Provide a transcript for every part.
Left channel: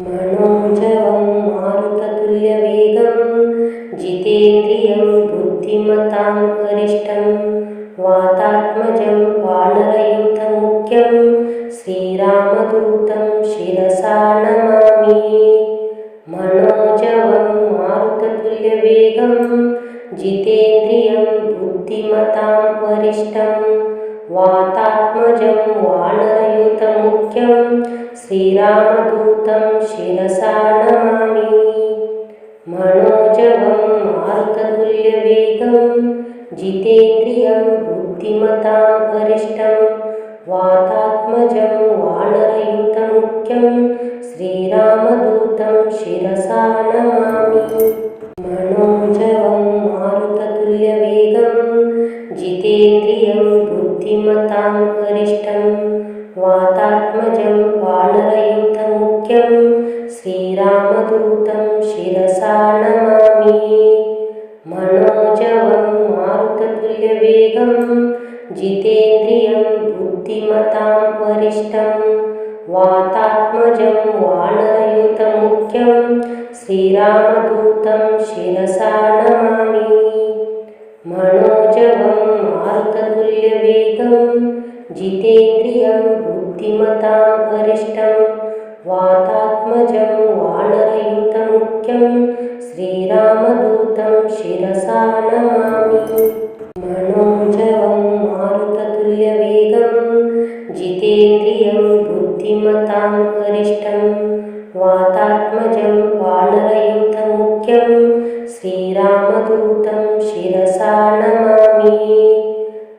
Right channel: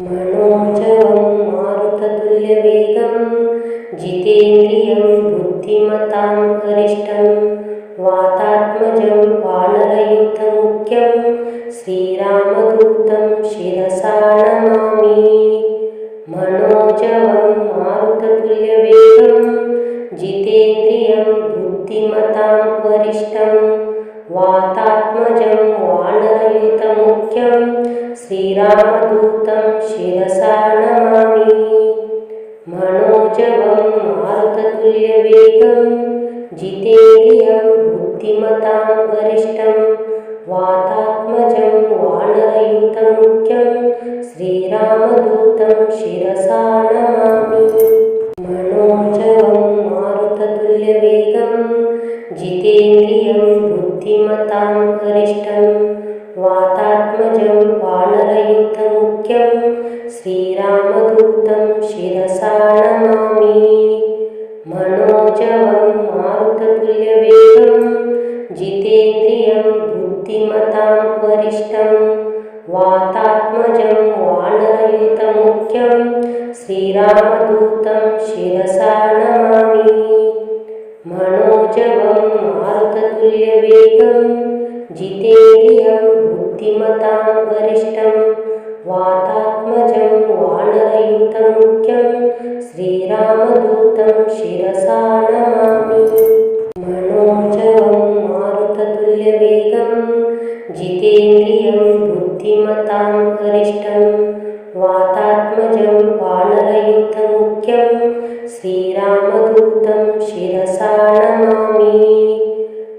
मनोजवं मारुततुल्यवेगं जितेन्द्रियं बुद्धिमतां वरिष्ठं वातात्मजं वानरयूथमुख्यं श्रीरामदूतं शिरसा नमामि। मनोजवं मारुततुल्यवेगं जितेन्द्रियं बुद्धिमतां वरिष्ठं वातात्मजं वानरयूथमुख्यं श्रीरामदूतं शिरसा नमामि। मनोजवं मारुततुल्यवेगं जितेन्द्रियं बुद्धिमतां वरिष्ठं वातात्मजं वानरयूथमुख्यं श्रीरामदूतं शिरसा नमामि। मनोजवं मारुततुल्यवेगं जितेन्द्रियं बुद्धिमतां वरिष्ठं वातात्मजं वानरयूथमुख्यं श्रीरामदूतं शिरसा नमामि। मनोजवं मारुततुल्यवेगं जितेन्द्रियं बुद्धिमतां वरिष्ठं वातात्मजं वानरयूथमुख्यं श्रीरामदूतं शिरसा नमामि। मनोजवं मारुततुल्यवेगं जितेन्द्रियं बुद्धिमतां वरिष्ठं वातात्मजं वानरयूथमुख्यं श्रीरामदूतं शिरसा नमामि। मनोजवं मारुततुल्यवेगं जितेन्द्रियं बुद्धिमतां वरिष्ठं वातात्मजं वानरयूथमुख्यं श्रीरामदूतं शिरसा नमामि।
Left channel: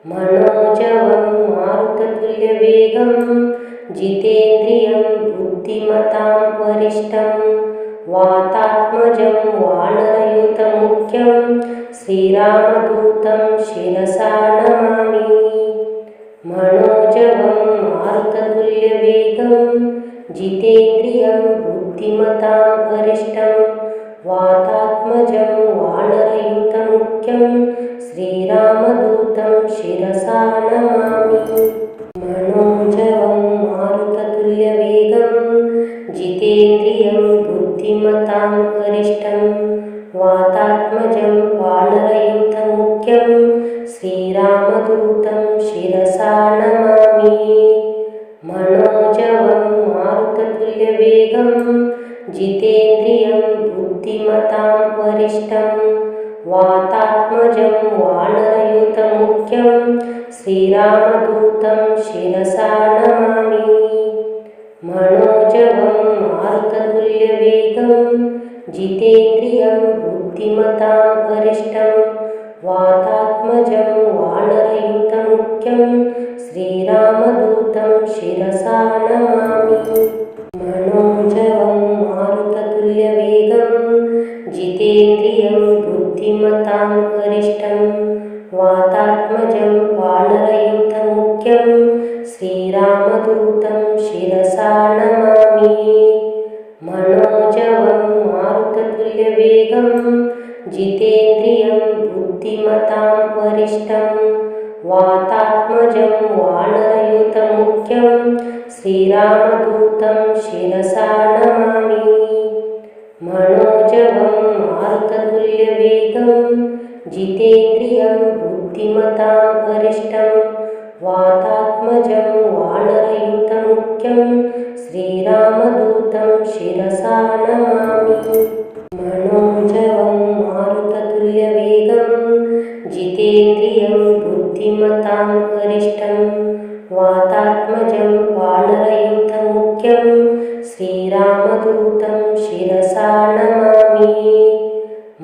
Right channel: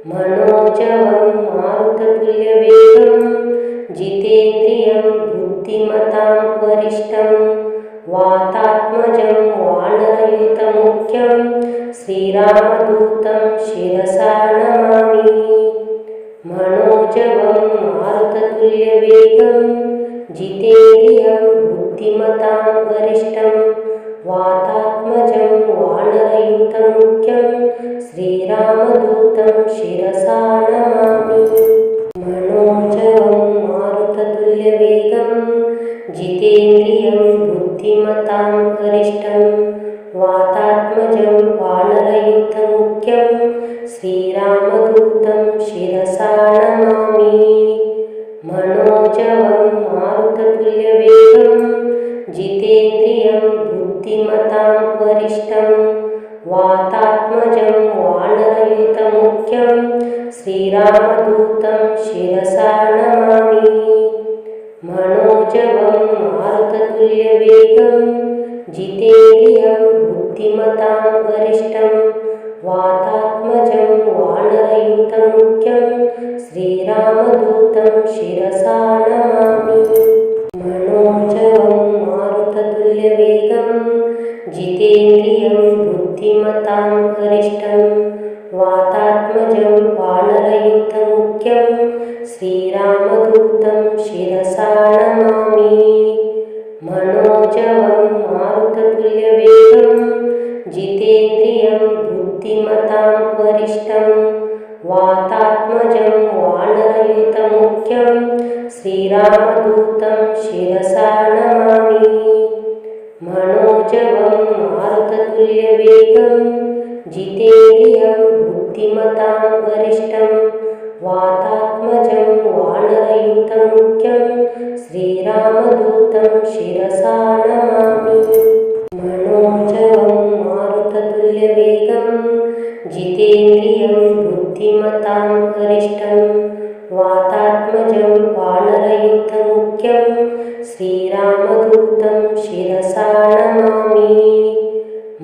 मनोजवं मारुततुल्यवेगं जितेन्द्रियं बुद्धिमतां वरिष्ठं वातात्मजं वानरयूथमुख्यं श्रीरामदूतं शिरसा नमामि। मनोजवं मारुततुल्यवेगं जितेन्द्रियं बुद्धिमतां वरिष्ठं वातात्मजं वानरयूथमुख्यं श्रीरामदूतं शिरसा नमामि। मनोजवं मारुततुल्यवेगं जितेन्द्रियं बुद्धिमतां वरिष्ठं वातात्मजं वानरयूथमुख्यं श्रीरामदूतं शिरसा नमामि। मनोजवं मारुततुल्यवेगं जितेन्द्रियं बुद्धिमतां वरिष्ठं वातात्मजं वानरयूथमुख्यं श्रीरामदूतं शिरसा नमामि। मनोजवं मारुततुल्यवेगं जितेन्द्रियं बुद्धिमतां वरिष्ठं वातात्मजं वानरयूथमुख्यं श्रीरामदूतं शिरसा नमामि। मनोजवं मारुततुल्यवेगं जितेन्द्रियं बुद्धिमतां वरिष्ठं वातात्मजं वानरयूथमुख्यं श्रीरामदूतं शिरसा नमामि। मनोजवं मारुततुल्यवेगं जितेन्द्रियं बुद्धिमतां वरिष्ठं वातात्मजं वानरयूथमुख्यं श्रीरामदूतं शिरसा नमामि। मनोजवं मारुततुल्यवेगं जितेन्द्रियं बुद्धिमतां वरिष्ठं वातात्मजं वानरयूथमुख्यं श्रीरामदूतं शिरसा नमामि। मनोजवं मारुततुल्यवेगं जितेन्द्रियं बुद्धिमतां वरिष्ठं वातात्मजं वानरयूथमुख्यं श्रीरामदूतं शिरसा नमामि।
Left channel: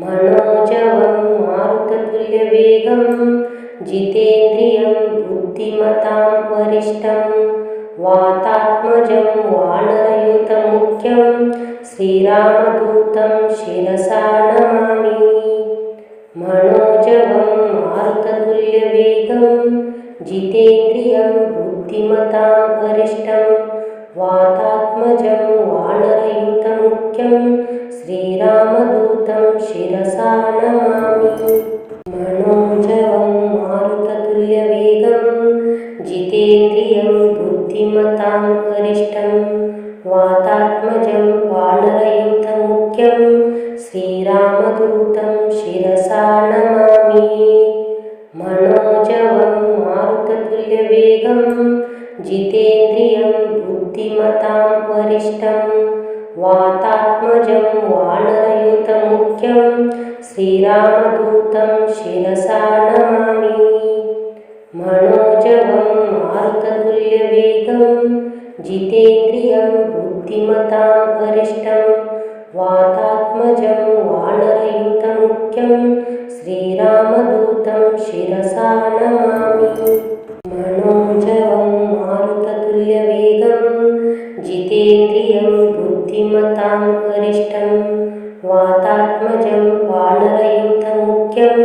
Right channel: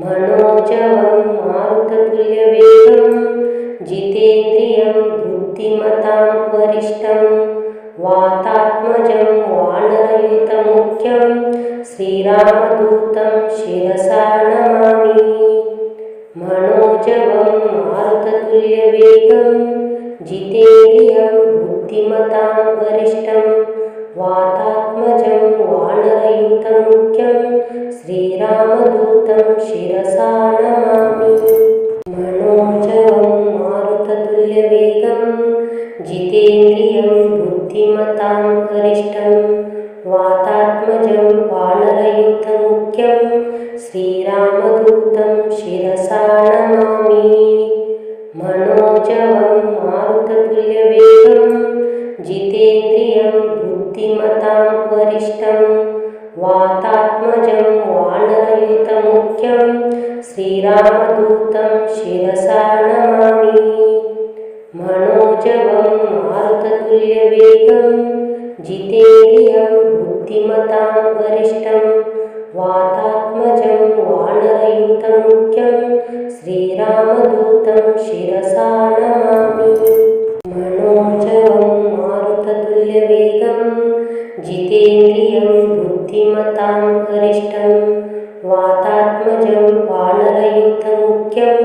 मनोजवं मारुततुल्यवेगं जितेन्द्रियं बुद्धिमतां वरिष्ठं वातात्मजं वानरयूथमुख्यं श्रीरामदूतं शिरसा नमामि। मनोजवं मारुततुल्यवेगं जितेन्द्रियं बुद्धिमतां वरिष्ठं वातात्मजं वानरयूथमुख्यं श्रीरामदूतं शिरसा नमामि। मनोजवं मारुततुल्यवेगं जितेन्द्रियं बुद्धिमतां वरिष्ठं वातात्मजं वानरयूथमुख्यं श्रीरामदूतं शिरसा नमामि। मनोजवं मारुततुल्यवेगं जितेन्द्रियं बुद्धिमतां वरिष्ठं वातात्मजं वानरयूथमुख्यं श्रीरामदूतं शिरसा नमामि। मनोजवं मारुततुल्यवेगं जितेन्द्रियं बुद्धिमतां वरिष्ठं वातात्मजं वानरयूथमुख्यं श्रीरामदूतं शिरसा नमामि। मनोजवं मारुततुल्यवेगं जितेन्द्रियं बुद्धिमतां वरिष्ठं वातात्मजं वानरयूथमुख्यं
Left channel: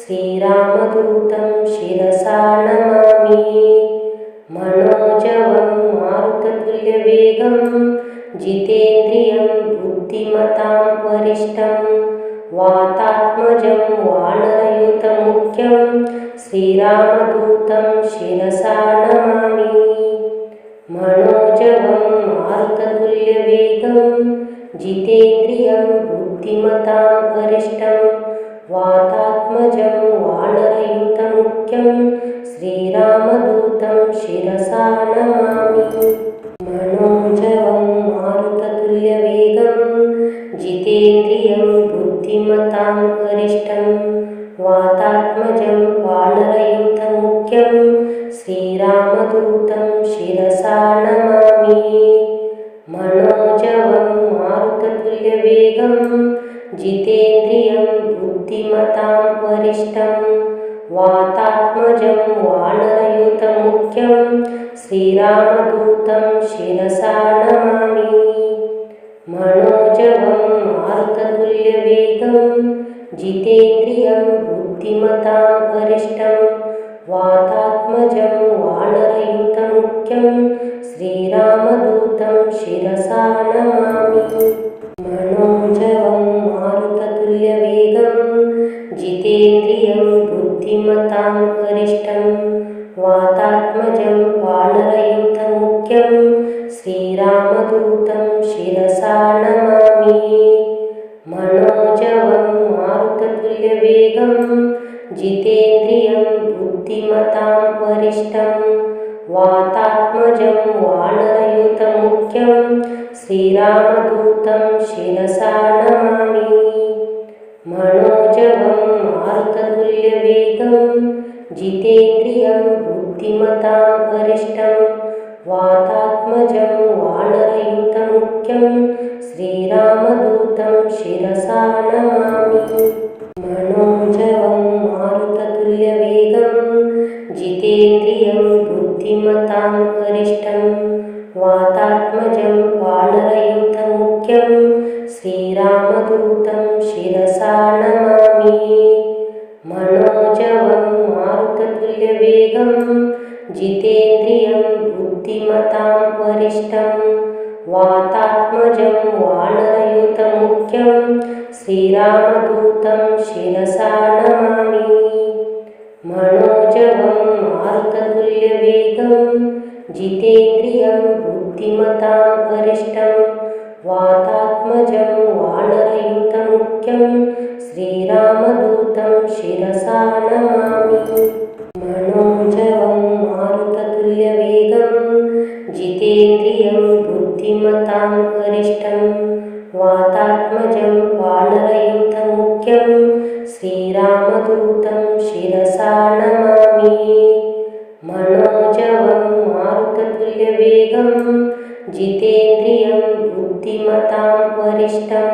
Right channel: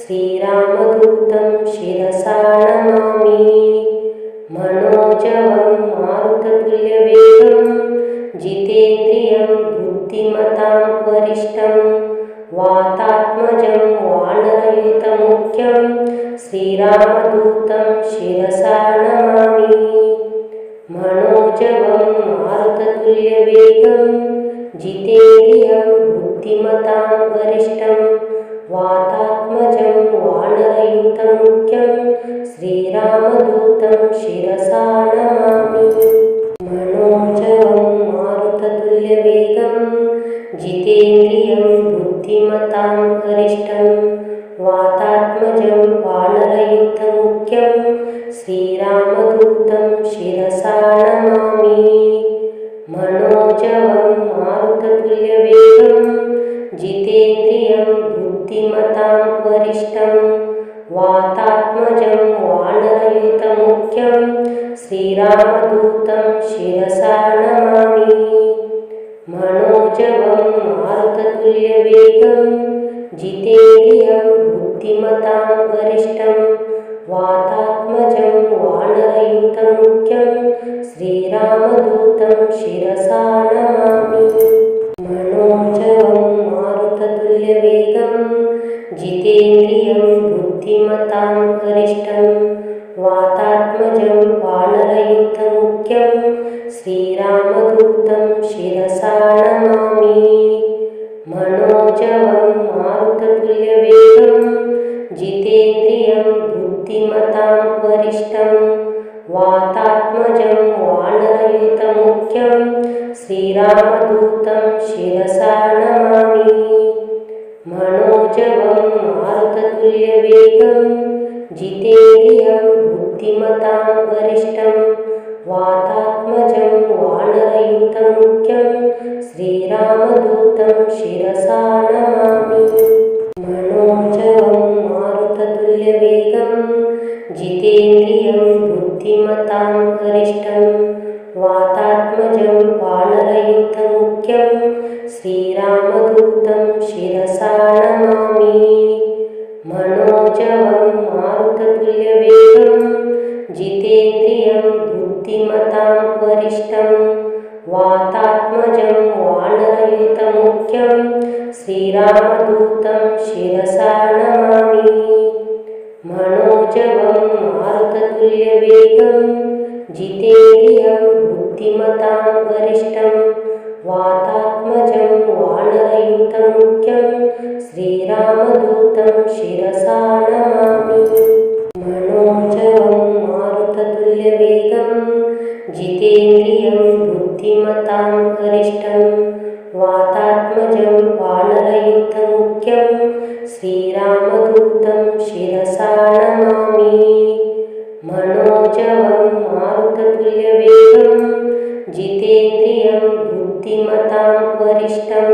श्रीरामदूतं शिरसा नमामि। मनोजवं मारुततुल्यवेगं जितेन्द्रियं बुद्धिमतां वरिष्ठं वातात्मजं वानरयूथमुख्यं श्रीरामदूतं शिरसा नमामि। मनोजवं मारुततुल्यवेगं जितेन्द्रियं बुद्धिमतां वरिष्ठं वातात्मजं वानरयूथमुख्यं श्रीरामदूतं शिरसा नमामि। मनोजवं मारुततुल्यवेगं जितेन्द्रियं बुद्धिमतां वरिष्ठं वातात्मजं वानरयूथमुख्यं श्रीरामदूतं शिरसा नमामि। मनोजवं मारुततुल्यवेगं जितेन्द्रियं बुद्धिमतां वरिष्ठं वातात्मजं वानरयूथमुख्यं श्रीरामदूतं शिरसा नमामि। मनोजवं मारुततुल्यवेगं जितेन्द्रियं बुद्धिमतां वरिष्ठं वातात्मजं वानरयूथमुख्यं श्रीरामदूतं शिरसा नमामि। मनोजवं मारुततुल्यवेगं जितेन्द्रियं बुद्धिमतां वरिष्ठं वातात्मजं वानरयूथमुख्यं श्रीरामदूतं शिरसा नमामि। मनोजवं मारुततुल्यवेगं जितेन्द्रियं बुद्धिमतां वरिष्ठं वातात्मजं वानरयूथमुख्यं श्रीरामदूतं शिरसा नमामि। मनोजवं मारुततुल्यवेगं जितेन्द्रियं बुद्धिमतां वरिष्ठं वातात्मजं वानरयूथमुख्यं श्रीरामदूतं शिरसा नमामि। मनोजवं मारुततुल्यवेगं जितेन्द्रियं बुद्धिमतां वरिष्ठं वातात्मजं वानरयूथमुख्यं श्रीरामदूतं शिरसा नमामि। मनोजवं मारुततुल्यवेगं जितेन्द्रियं बुद्धिमतां वरिष्ठं वातात्मजं वानरयूथमुख्यं श्रीरामदूतं शिरसा नमामि। मनोजवं मारुततुल्यवेगं जितेन्द्रियं बुद्धिमतां वरिष्ठं वातात्मजं वानरयूथमुख्यं श्रीरामदूतं शिरसा नमामि। मनोजवं मारुततुल्यवेगं जितेन्द्रियं बुद्धिमतां वरिष्ठं वातात्मजं वानरयूथमुख्यं श्रीरामदूतं शिरसा नमामि। मनोजवं मारुततुल्यवेगं जितेन्द्रियं बुद्धिमतां वरिष्ठं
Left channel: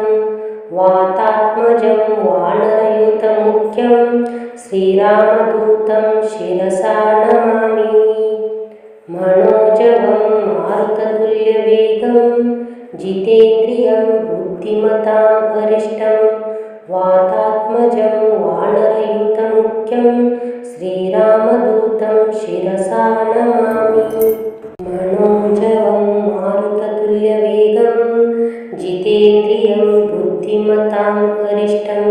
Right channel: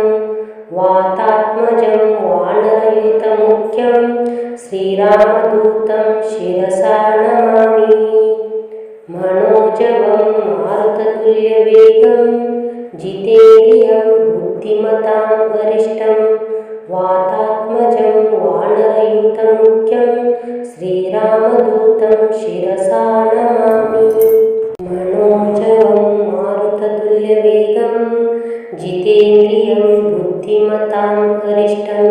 वातात्मजं वानरयूथमुख्यं श्रीरामदूतं शिरसा नमामि। मनोजवं मारुततुल्यवेगं जितेन्द्रियं बुद्धिमतां वरिष्ठं वातात्मजं वानरयूथमुख्यं श्रीरामदूतं शिरसा नमामि। मनोजवं मारुततुल्यवेगं जितेन्द्रियं बुद्धिमतां वरिष्ठं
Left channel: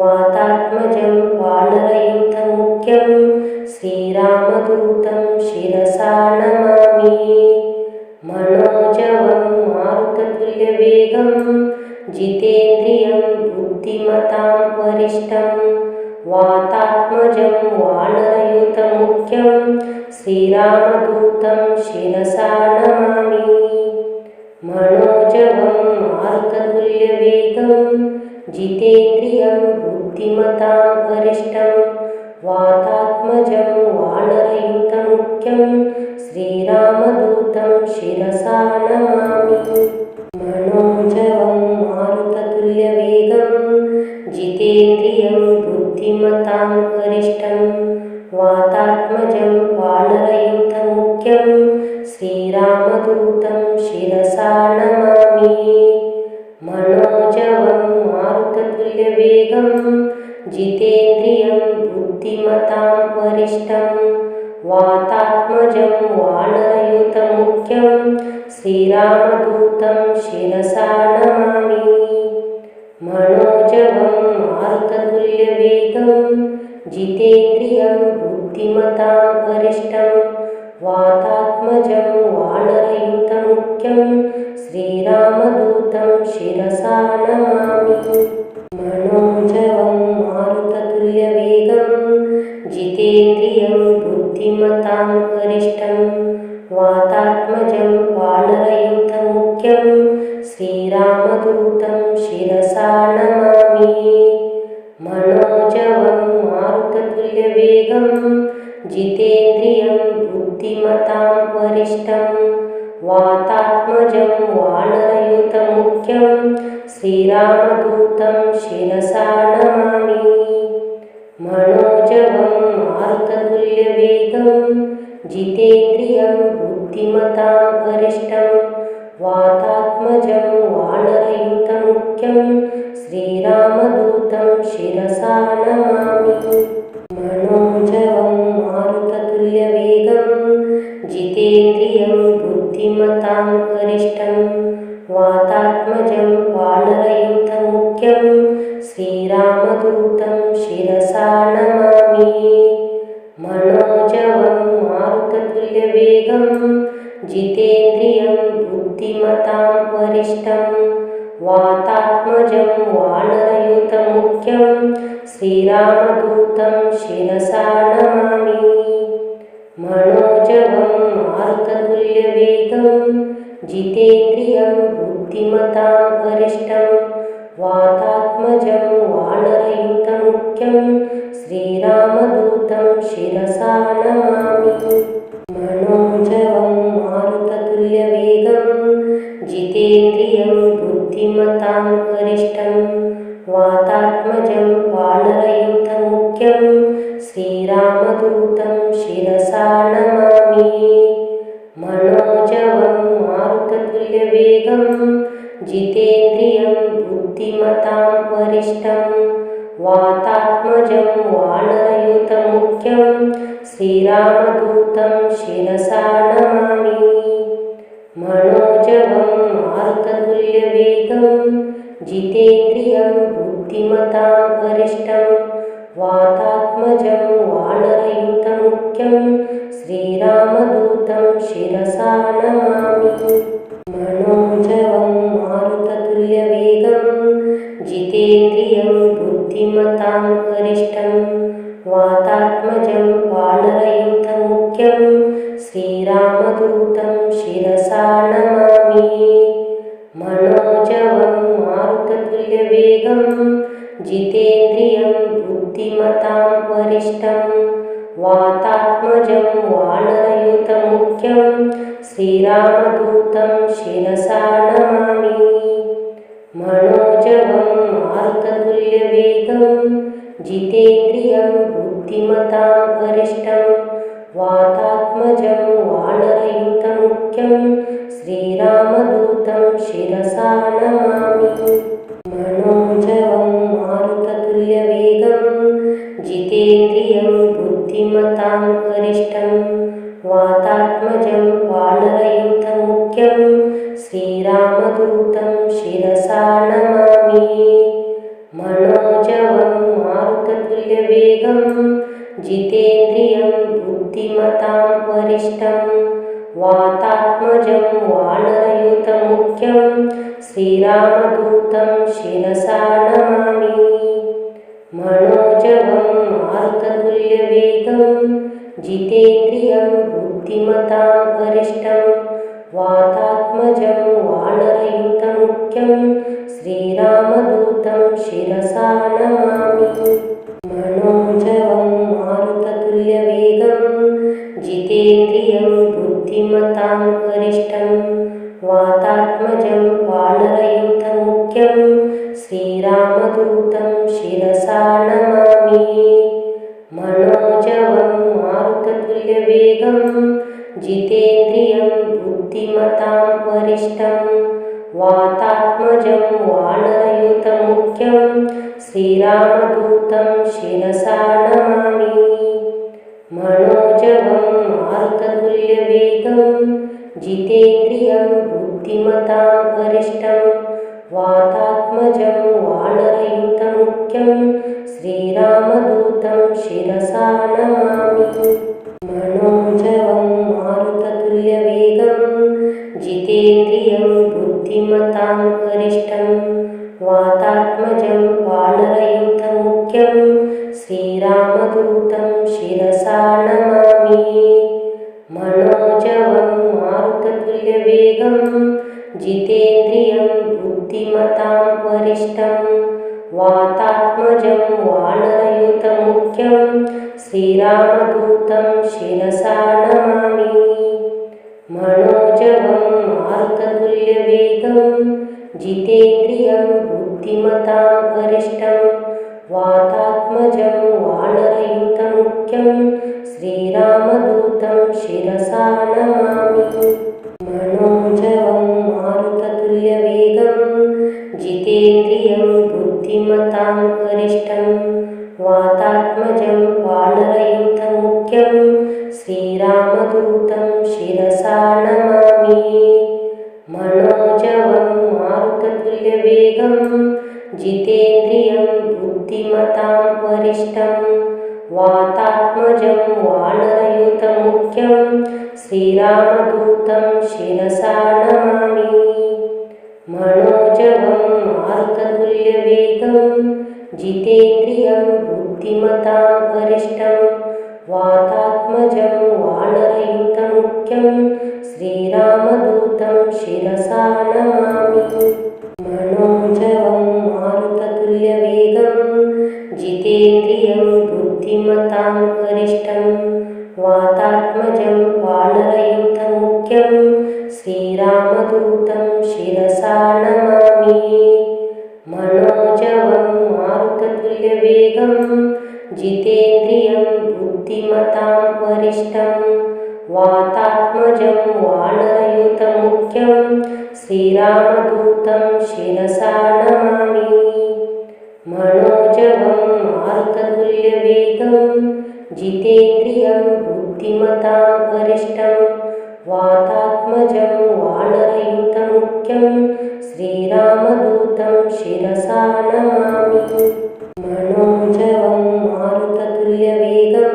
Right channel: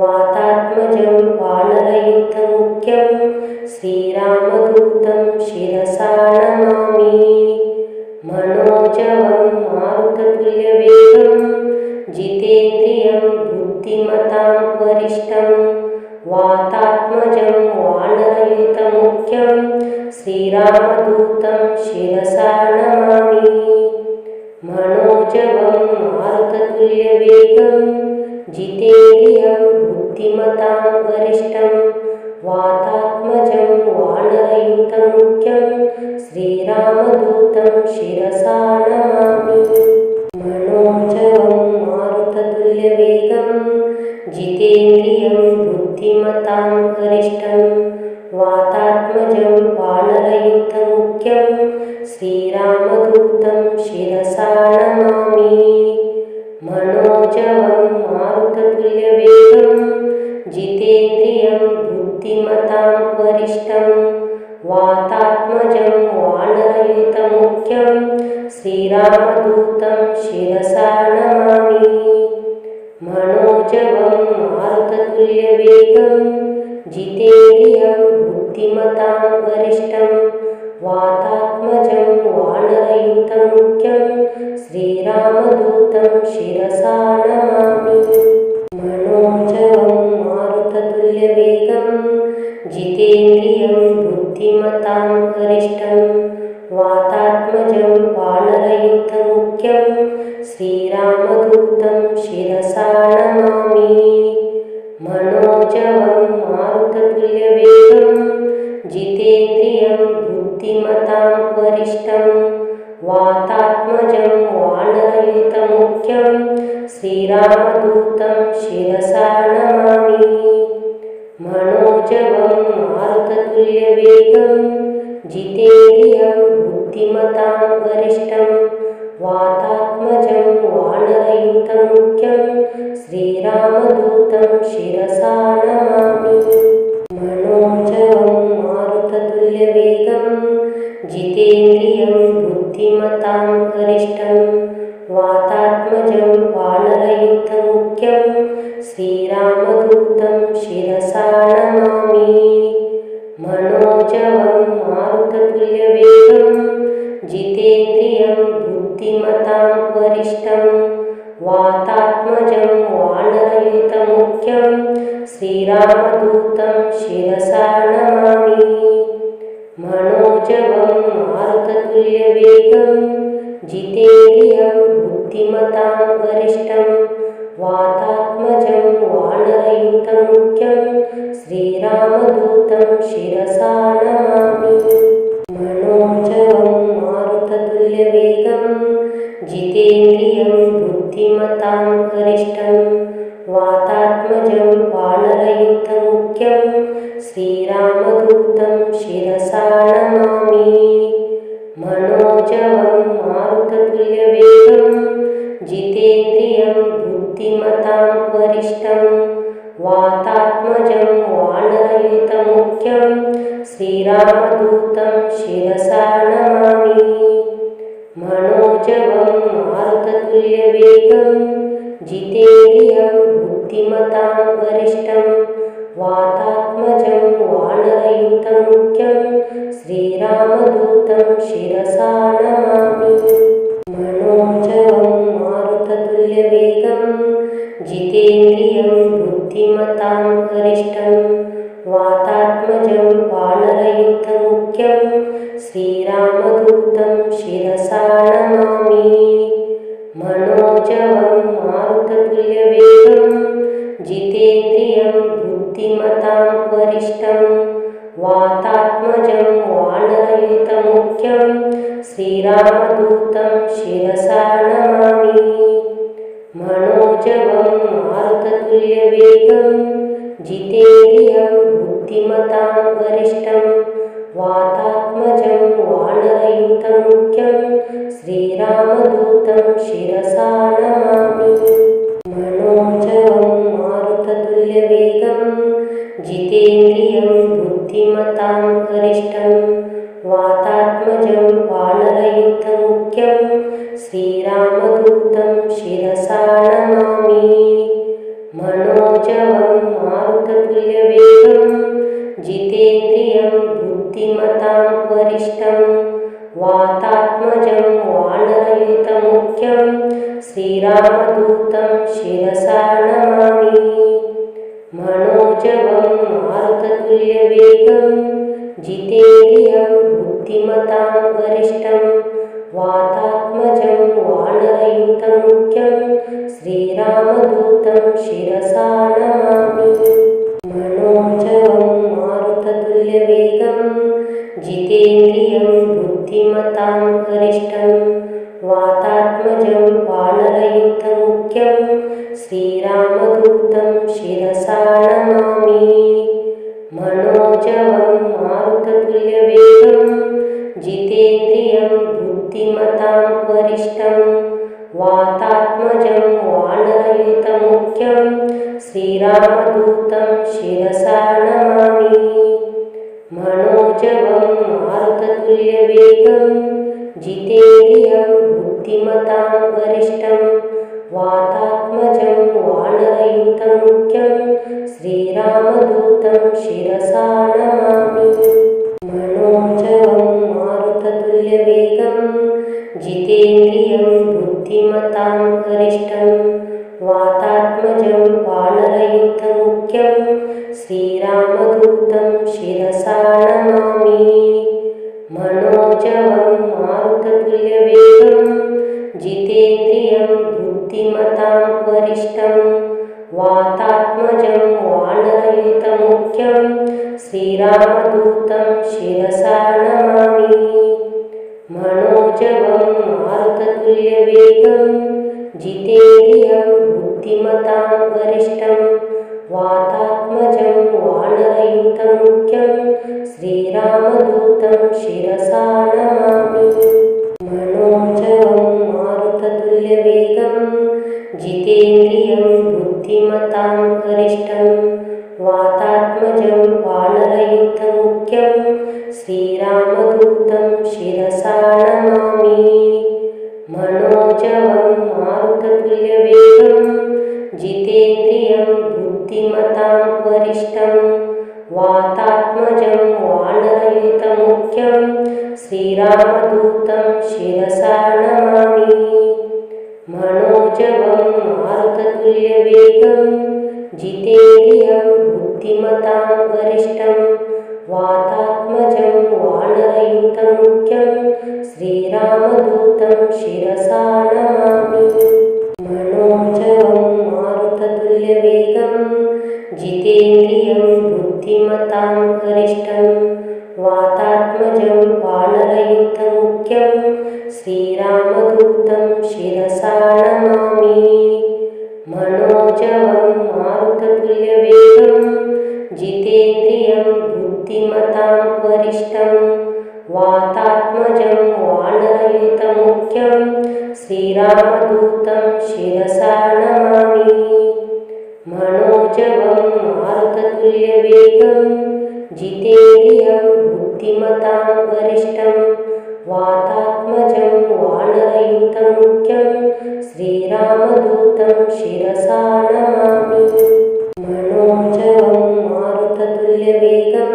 वातात्मजं वानरयूथमुख्यं श्रीरामदूतं शिरसा नमामि। मनोजवं मारुततुल्यवेगं मारुततुल्यवेगं जितेन्द्रियं बुद्धिमतां वरिष्ठं वातात्मजं वानरयूथमुख्यं श्रीरामदूतं शिरसा नमामि। मनोजवं मारुततुल्यवेगं जितेन्द्रियं बुद्धिमतां वरिष्ठं वातात्मजं वानरयूथमुख्यं श्रीरामदूतं शिरसा नमामि। मनोजवं मारुततुल्यवेगं जितेन्द्रियं बुद्धिमतां वरिष्ठं वातात्मजं वानरयूथमुख्यं श्रीरामदूतं शिरसा नमामि। मनोजवं मारुततुल्यवेगं जितेन्द्रियं बुद्धिमतां वरिष्ठं वातात्मजं वानरयूथमुख्यं श्रीरामदूतं शिरसा नमामि। मनोजवं मारुततुल्यवेगं जितेन्द्रियं बुद्धिमतां वरिष्ठं वातात्मजं वानरयूथमुख्यं श्रीरामदूतं शिरसा नमामि। मनोजवं मारुततुल्यवेगं जितेन्द्रियं बुद्धिमतां वरिष्ठं वातात्मजं वानरयूथमुख्यं श्रीरामदूतं शिरसा नमामि। मनोजवं मारुततुल्यवेगं जितेन्द्रियं बुद्धिमतां वरिष्ठं वातात्मजं वानरयूथमुख्यं श्रीरामदूतं शिरसा नमामि। मनोजवं मारुततुल्यवेगं जितेन्द्रियं बुद्धिमतां वरिष्ठं वातात्मजं वानरयूथमुख्यं श्रीरामदूतं शिरसा नमामि। मनोजवं मारुततुल्यवेगं जितेन्द्रियं बुद्धिमतां वरिष्ठं वातात्मजं वानरयूथमुख्यं श्रीरामदूतं शिरसा नमामि। मनोजवं मारुततुल्यवेगं जितेन्द्रियं बुद्धिमतां वरिष्ठं वातात्मजं वानरयूथमुख्यं श्रीरामदूतं शिरसा नमामि। मनोजवं मारुततुल्यवेगं जितेन्द्रियं बुद्धिमतां वरिष्ठं वातात्मजं वानरयूथमुख्यं श्रीरामदूतं शिरसा नमामि। मनोजवं मारुततुल्यवेगं जितेन्द्रियं बुद्धिमतां वरिष्ठं वातात्मजं वानरयूथमुख्यं श्रीरामदूतं शिरसा नमामि। मनोजवं मारुततुल्यवेगं जितेन्द्रियं बुद्धिमतां वरिष्ठं वातात्मजं वानरयूथमुख्यं श्रीरामदूतं शिरसा नमामि। मनोजवं मारुततुल्यवेगं जितेन्द्रियं बुद्धिमतां वरिष्ठं वातात्मजं वानरयूथमुख्यं श्रीरामदूतं शिरसा नमामि। मनोजवं मारुततुल्यवेगं जितेन्द्रियं बुद्धिमतां वरिष्ठं वातात्मजं वानरयूथमुख्यं श्रीरामदूतं शिरसा नमामि। मनोजवं मारुततुल्यवेगं जितेन्द्रियं बुद्धिमतां वरिष्ठं वातात्मजं वानरयूथमुख्यं श्रीरामदूतं शिरसा नमामि। मनोजवं मारुततुल्यवेगं जितेन्द्रियं बुद्धिमतां वरिष्ठं वातात्मजं वानरयूथमुख्यं श्रीरामदूतं शिरसा नमामि। मनोजवं मारुततुल्यवेगं जितेन्द्रियं बुद्धिमतां वरिष्ठं वातात्मजं वानरयूथमुख्यं श्रीरामदूतं शिरसा नमामि। मनोजवं मारुततुल्यवेगं जितेन्द्रियं बुद्धिमतां वरिष्ठं वातात्मजं वानरयूथमुख्यं श्रीरामदूतं शिरसा नमामि। मनोजवं मारुततुल्यवेगं जितेन्द्रियं बुद्धिमतां वरिष्ठं वातात्मजं वानरयूथमुख्यं श्रीरामदूतं शिरसा नमामि। मनोजवं मारुततुल्यवेगं जितेन्द्रियं बुद्धिमतां वरिष्ठं वातात्मजं वानरयूथमुख्यं श्रीरामदूतं शिरसा नमामि। मनोजवं मारुततुल्यवेगं जितेन्द्रियं बुद्धिमतां वरिष्ठं वातात्मजं वानरयूथमुख्यं श्रीरामदूतं शिरसा नमामि। मनोजवं मारुततुल्यवेगं जितेन्द्रियं बुद्धिमतां वरिष्ठं वातात्मजं वानरयूथमुख्यं श्रीरामदूतं शिरसा नमामि। मनोजवं मारुततुल्यवेगं जितेन्द्रियं बुद्धिमतां वरिष्ठं वातात्मजं वानरयूथमुख्यं श्रीरामदूतं शिरसा नमामि। मनोजवं मारुततुल्यवेगं जितेन्द्रियं बुद्धिमतां वरिष्ठं वातात्मजं वानरयूथमुख्यं श्रीरामदूतं शिरसा नमामि। मनोजवं मारुततुल्यवेगं जितेन्द्रियं बुद्धिमतां वरिष्ठं वातात्मजं वानरयूथमुख्यं श्रीरामदूतं शिरसा नमामि। मनोजवं मारुततुल्यवेगं जितेन्द्रियं बुद्धिमतां वरिष्ठं वातात्मजं वानरयूथमुख्यं श्रीरामदूतं शिरसा नमामि। मनोजवं मारुततुल्यवेगं जितेन्द्रियं बुद्धिमतां वरिष्ठं वातात्मजं वानरयूथमुख्यं श्रीरामदूतं शिरसा नमामि। मनोजवं मारुततुल्यवेगं जितेन्द्रियं बुद्धिमतां वरिष्ठं वातात्मजं वानरयूथमुख्यं श्रीरामदूतं शिरसा नमामि। मनोजवं मारुततुल्यवेगं जितेन्द्रियं बुद्धिमतां वरिष्ठं वातात्मजं वानरयूथमुख्यं श्रीरामदूतं शिरसा नमामि। मनोजवं मारुततुल्यवेगं जितेन्द्रियं बुद्धिमतां वरिष्ठं वातात्मजं वानरयूथमुख्यं श्रीरामदूतं शिरसा नमामि। मनोजवं मारुततुल्यवेगं जितेन्द्रियं बुद्धिमतां वरिष्ठं वातात्मजं वानरयूथमुख्यं श्रीरामदूतं शिरसा नमामि। मनोजवं मारुततुल्यवेगं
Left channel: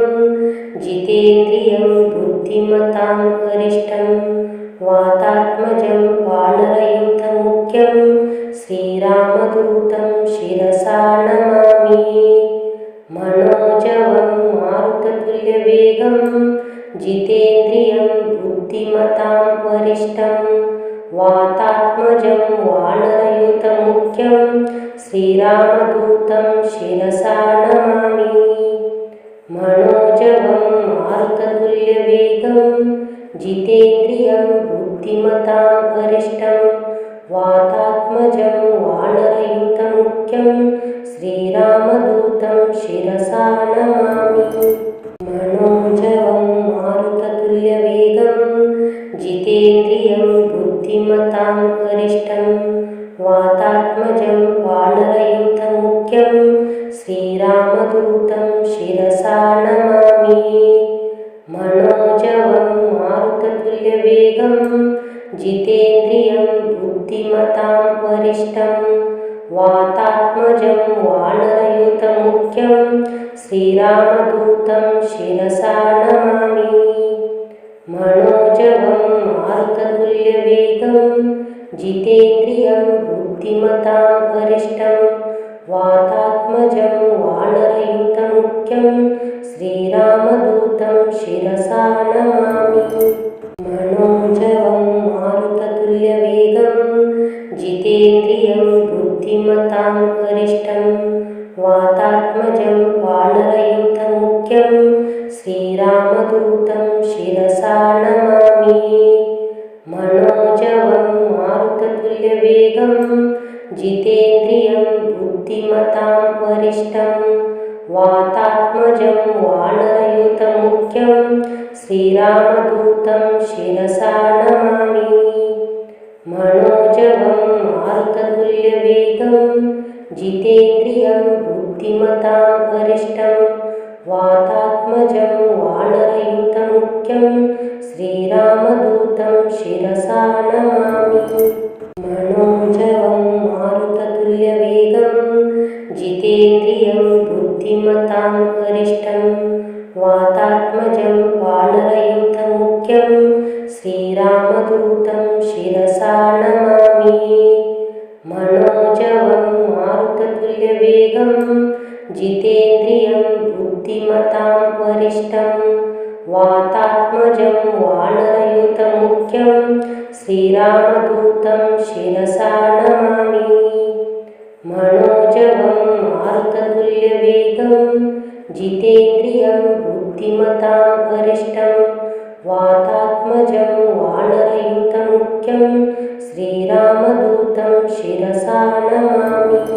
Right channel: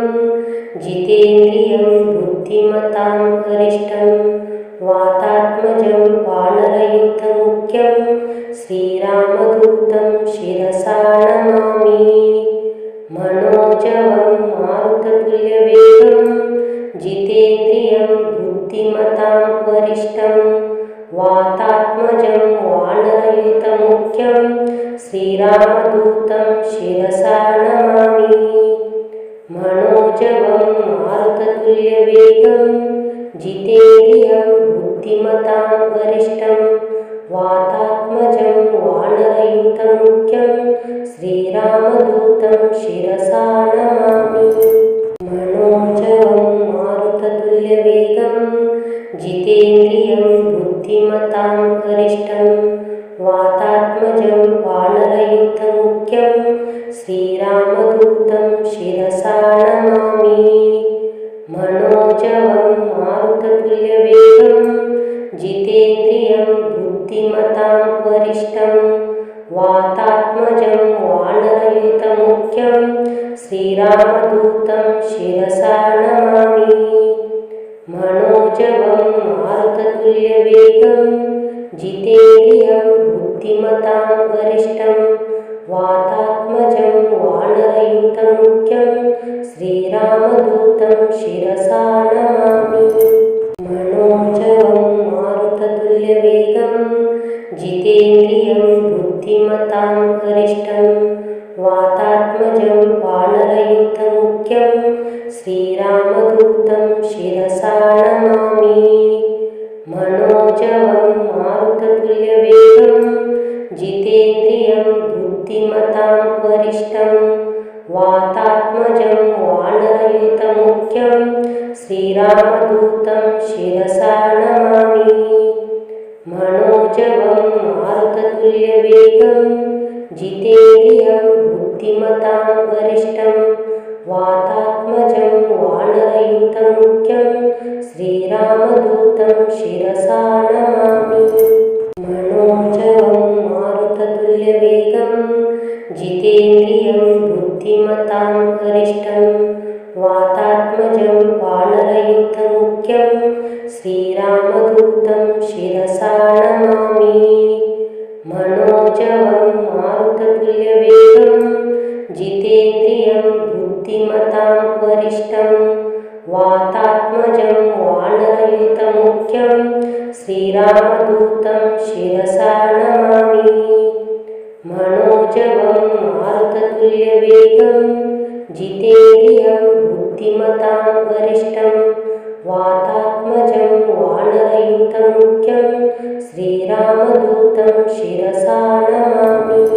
जितेन्द्रियं बुद्धिमतां वरिष्ठं वातात्मजं वानरयूथमुख्यं श्रीरामदूतं शिरसा नमामि। मनोजवं मारुततुल्यवेगं जितेन्द्रियं बुद्धिमतां वरिष्ठं वातात्मजं वानरयूथमुख्यं श्रीरामदूतं शिरसा नमामि। मनोजवं मारुततुल्यवेगं जितेन्द्रियं बुद्धिमतां वरिष्ठं वातात्मजं वानरयूथमुख्यं श्रीरामदूतं शिरसा नमामि। मनोजवं मारुततुल्यवेगं जितेन्द्रियं बुद्धिमतां वरिष्ठं वातात्मजं वानरयूथमुख्यं श्रीरामदूतं शिरसा नमामि। मनोजवं मारुततुल्यवेगं जितेन्द्रियं बुद्धिमतां वरिष्ठं वातात्मजं वानरयूथमुख्यं श्रीरामदूतं शिरसा नमामि। मनोजवं मारुततुल्यवेगं जितेन्द्रियं बुद्धिमतां वरिष्ठं वातात्मजं वानरयूथमुख्यं श्रीरामदूतं शिरसा नमामि। मनोजवं मारुततुल्यवेगं जितेन्द्रियं बुद्धिमतां वरिष्ठं वातात्मजं वानरयूथमुख्यं श्रीरामदूतं शिरसा नमामि। मनोजवं मारुततुल्यवेगं जितेन्द्रियं बुद्धिमतां वरिष्ठं वातात्मजं वानरयूथमुख्यं श्रीरामदूतं शिरसा नमामि। मनोजवं मारुततुल्यवेगं जितेन्द्रियं बुद्धिमतां वरिष्ठं वातात्मजं वानरयूथमुख्यं श्रीरामदूतं शिरसा नमामि। मनोजवं मारुततुल्यवेगं जितेन्द्रियं बुद्धिमतां वरिष्ठं वातात्मजं वानरयूथमुख्यं श्रीरामदूतं शिरसा नमामि। मनोजवं मारुततुल्यवेगं जितेन्द्रियं बुद्धिमतां वरिष्ठं वातात्मजं वानरयूथमुख्यं श्रीरामदूतं शिरसा नमामि। मनोजवं मारुततुल्यवेगं जितेन्द्रियं बुद्धिमतां वरिष्ठं वातात्मजं वानरयूथमुख्यं श्रीरामदूतं शिरसा नमामि।